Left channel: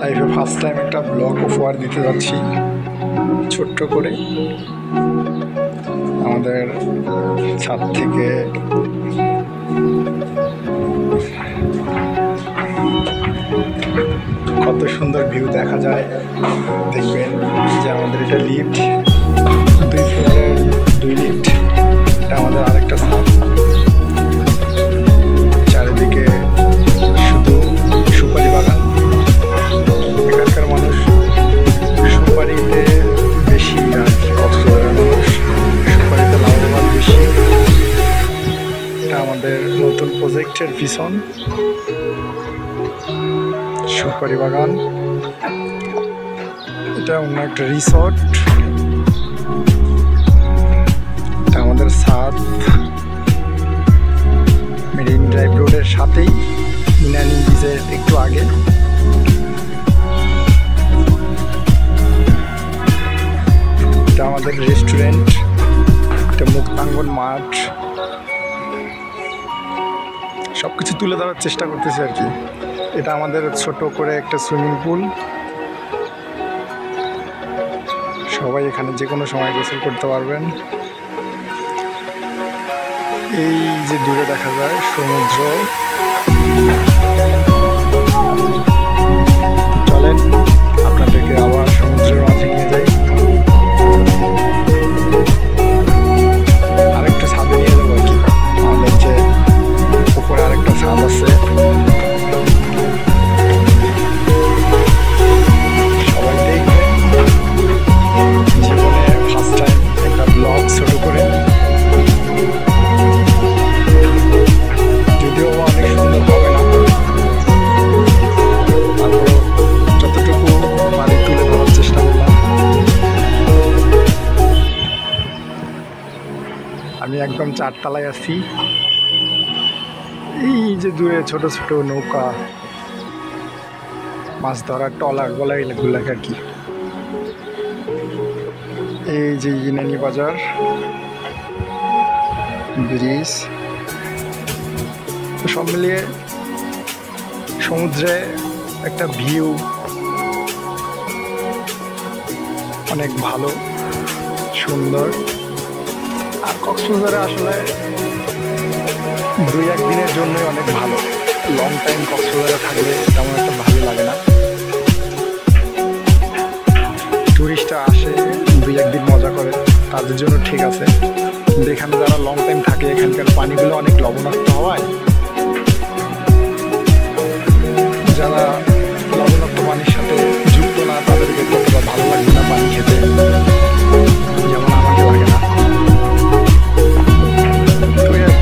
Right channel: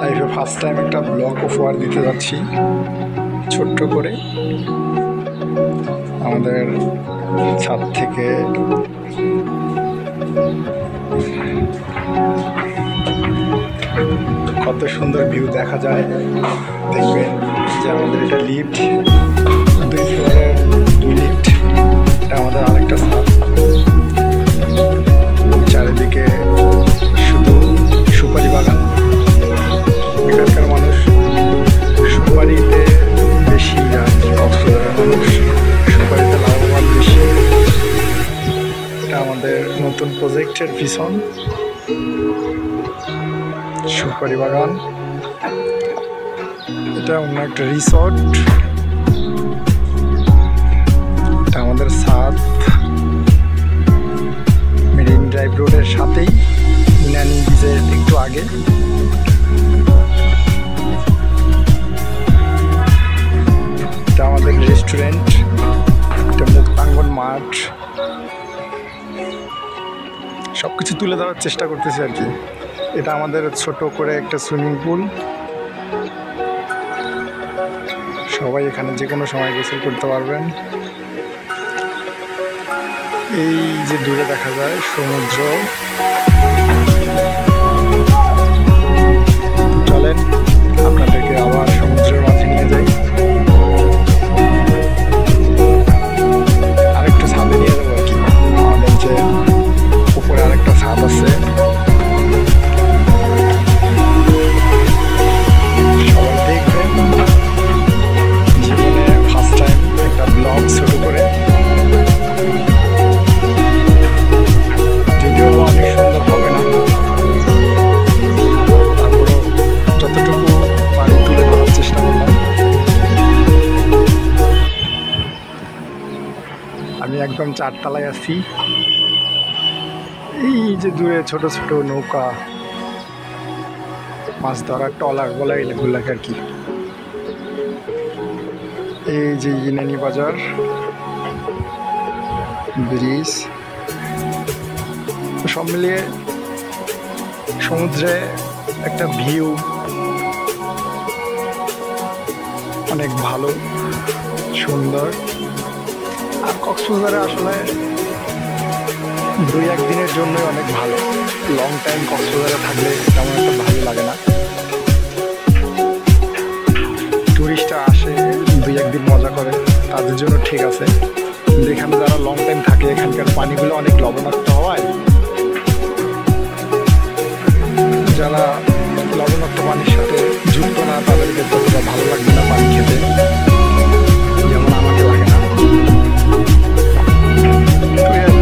লাইফে first time একটা blog উপহার দিতে যাচ্ছি ছোট্ট করে আমাদের ছাদ থেকে। কত সুন্দর ভিউ দেখা যায় দেখবেন যে আমাদের এটা লিফট, 2 ফ্লোরের 2 লিফট। এটা আমাদের আরেকটা ছাদ। চারিদিকে শুধু সুপারি বাগান। এখানকার মানুষ সুপারিতে বেশি, আর কক্সবাজারের মানুষ সুপারিতে লাভবান বেশি। এটা আমাদের নতুন প্রজেক্টের ভিশন, সুপারি বাগান। এটা অন্য একটা রিসর্ট। এটা আমাদের ছাদ মেরিন ড্রাইভ রোডের সাথেই, মিনানি বিচের একটু আগে। এটা আমাদের রেস্টুরেন্ট, এটা মুক্তাঙ্গন মাঠ। সব কিছু তুলে ধরার চেষ্টা করতেছি আর কি। এটা আমাদের ছোট করে একটা সুইমিং পুল। সবাই এখানে যে কোনো সময় গোসল করতে পারবেন। এই যে দূরে দেখা যায় সমুদ্র। চলেন আপনাদেরকে আবার সমুদ্রের মাঝে নিয়ে যাই। আরেকটা ছাদে নিয়ে যাবো আর কি। আমাদের যে উপরে আরেকটা ছাদ আছে। সবাই দেখবেন। জীবনে ফার্স্ট টাইম একটা ব্লগ ছোট করে, যদিও অনেক সুন্দর হবে না, তারপরও যতটুকু পারি তুলে ধরার চেষ্টা করলাম। আমি একদম 4 তলায় আছি। এই যে দূরে ছোট ছোট নৌকা, মাছ ধরার ট্রলার বলা এগুলাকে আর কি। এই যে ইনানি বাজার ব্রিজ, সব মিলিয়ে সমুদ্রে একটা ভিউ অনেক ভালো, সুন্দর। আর কক্সবাজারে আসলে 2-1 দিনের জন্যই অনেক ভালো। লং টাইম কক্সবাজারে থাকলে তেমন একটা ভালো লাগে না। টুরিস্টরা আসে 2-1 দিন মজা করে, তাদের জন্য ঠিক আছে। কিন্তু এখানে যারা লং টাইম থাকে, এখানকার পানিগুলো অনেক লবণাক্ত হওয়ায় যারা লবণাক্ত পানির সাথে যুক্ত না, তাদেরকে ততটা ভালো লাগবে না পানি খেতে, যেমন আমাকে লাগে না। তো আর